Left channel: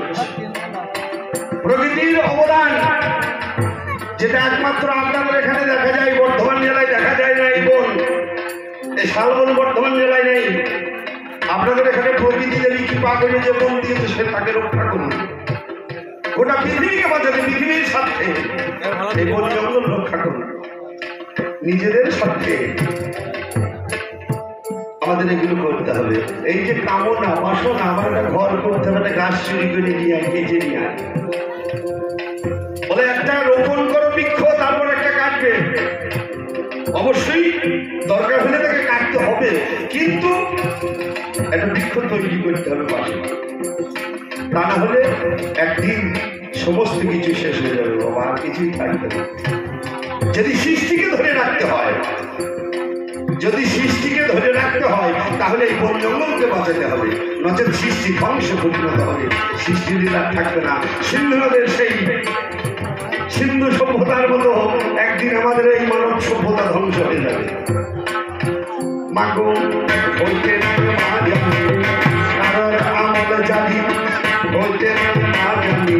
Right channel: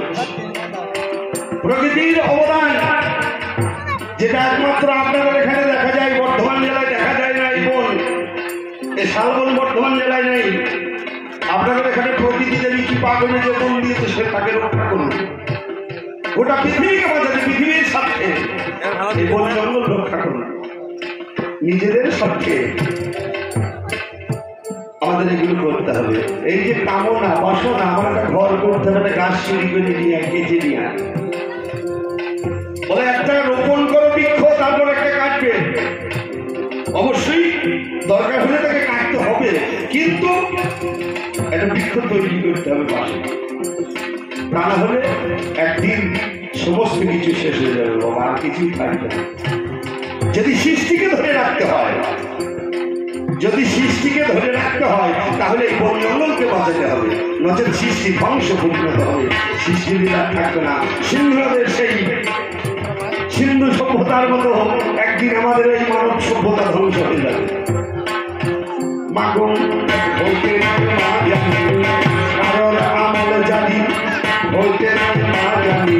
করছে। প্রকৃতির অবদান যেটা একমাত্র আপনাদের এখানে দেখা যায়, বর্ধমান জেলায় দেখা যায় না। এই বন, এই শালবন বর্ধমান জেলায় নেই। আপনাদের এখানে প্রকৃতি যদি কৃপা করে যে বন দিয়েছে, সে তাকে রক্ষা করুন। গোটা পৃথিবীকে বাঁচাতে, পৃথিবীর স্বার্থে এই বন জঙ্গল রক্ষা করুন। নিজেদের স্বার্থে আমাদের এগুলো করতে হবে। এই যে কামনা বাসনা, আমার একটা ঘর করতে হবে, একটা গাছ চুরি করে নিয়ে কেটে নিয়ে আয়, বলে একটা রোপণ করো বৃক্ষ, তারপর একটা কাটবে। অবশ্যই দরকার হলে তাকে কাটতে হবে, কিন্তু একটা বৃক্ষ তৈরি করতে হবে পাশে। তা না হলে একদিন সমস্ত কিছু শেষ হয়ে যাবে বাবা, আর কিছুই থাকবে না। যদি সৃষ্টিকে ধরে রাখতে হয়, যদি সৃষ্টিকে ধরে রাখতে হয়, তাহলে এই বন জঙ্গলকে বাঁচাতে হবে, নচেত সৃষ্টি ধ্বংস পরিণত হবে। সৃষ্টির আর থাকবে না। সিন্ধুদের সেই সিন্ধু সভ্যতার মতো একদিন আমাদের এই মানব সভ্যতা ধ্বংস হয়ে যাবে। মাগো হইতে না জানি, কারণ আমল জানি, হইতে না জানি,